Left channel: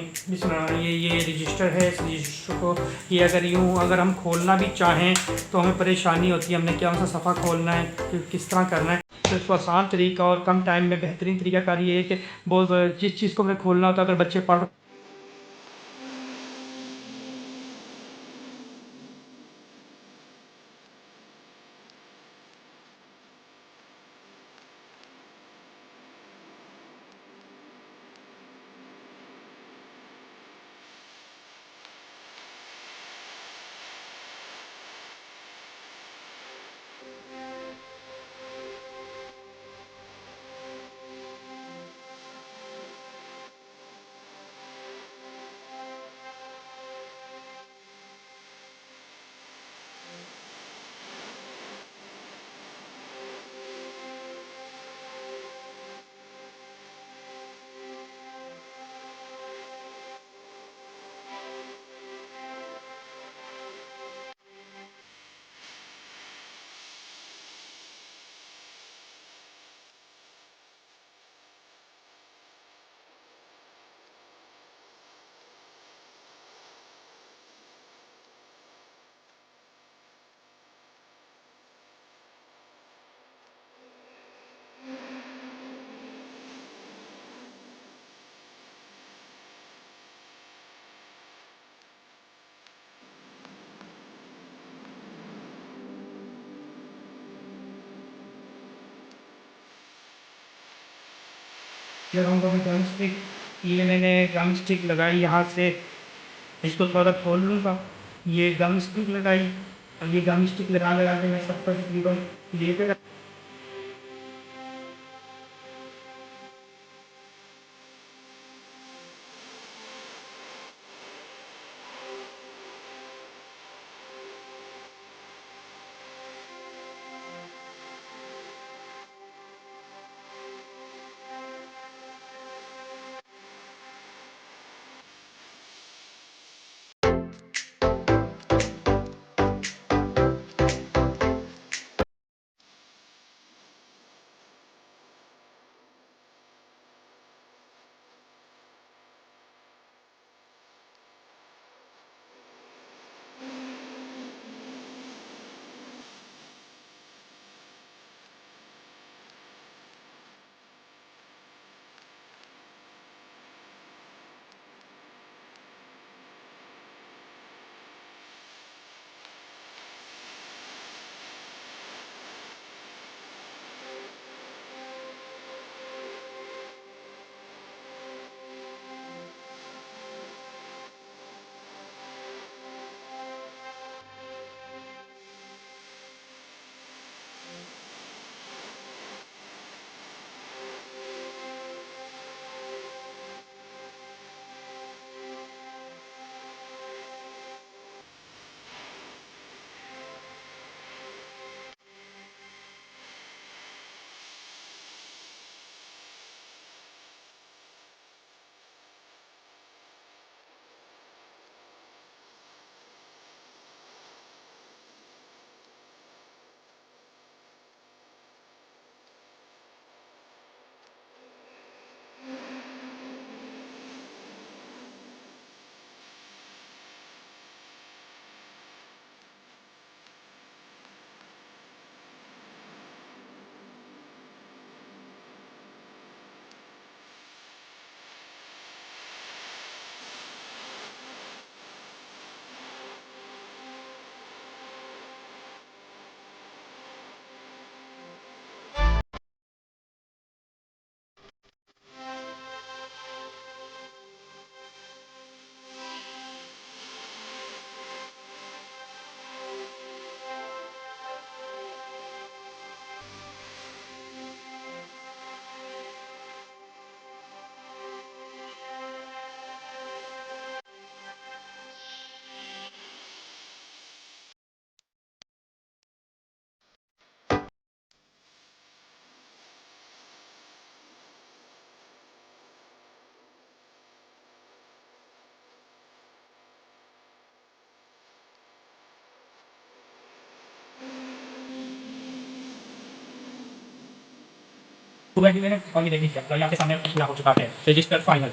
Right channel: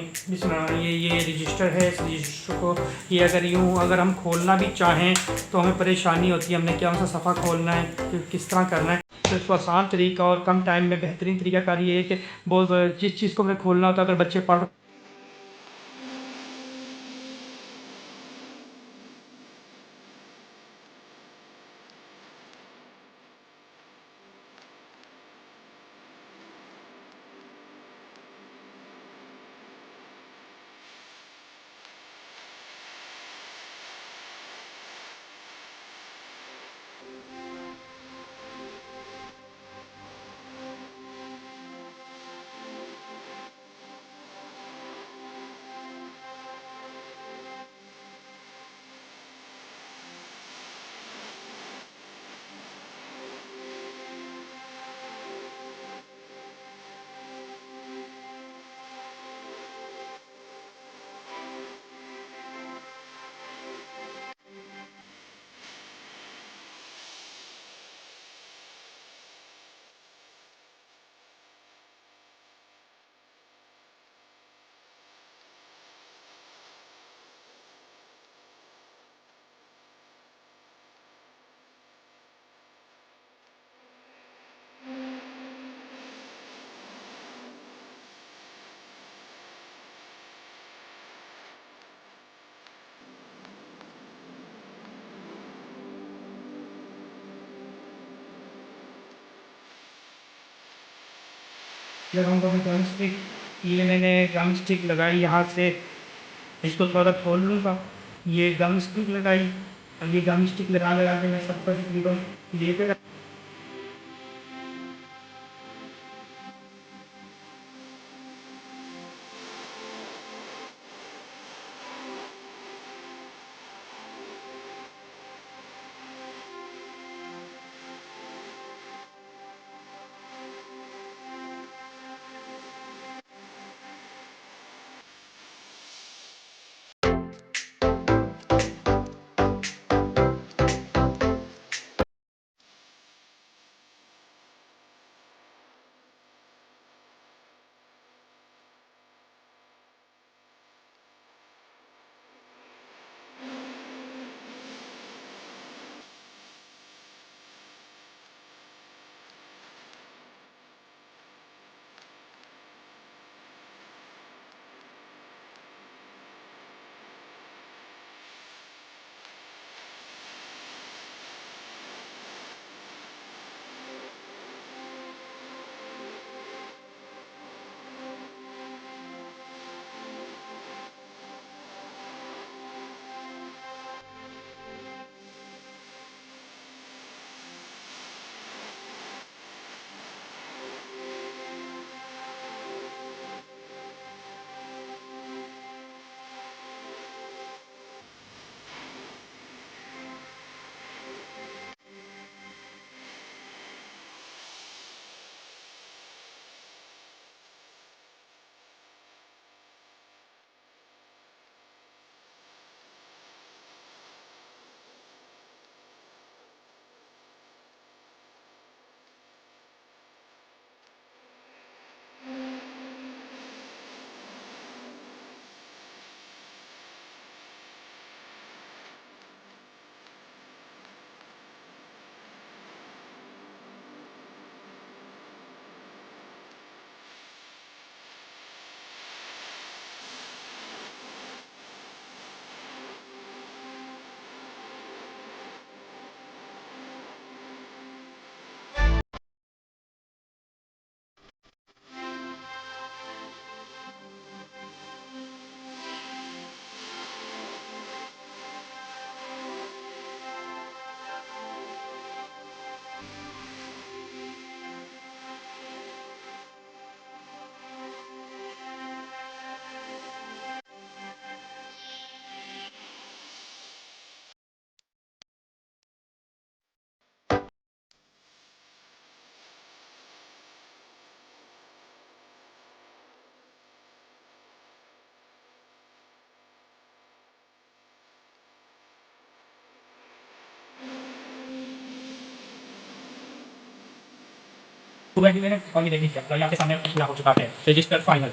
ये रजिस्टर है। इस रजिस्टर को ये अगर हम खोलना भी चाहें तो हमें परेशानी होती है, हमने क्या सा सफ़ा खोलना है, किस तरह करना है। तो इसको आसान तरीका और कम टाइम में बेहतरीन तरीका कार ये है कि बहुत जिस चीज़ को हमें खोलना होता है, अगर बच्चे पढ़ लगाऊंगा मैं गम स्टिक। ये मैंने गम स्टिक लगाई यहाँ से, इसको थोड़ा खोल लूँगा। ये गम स्टिक लगाई। अब ये गम स्टिक लगा लगा के मैं सब पर तकरीबन लेकर सुबह की मैंने और ये देखिए आपके सामने पूरा हो चुका है रजिस्टर फाइनल।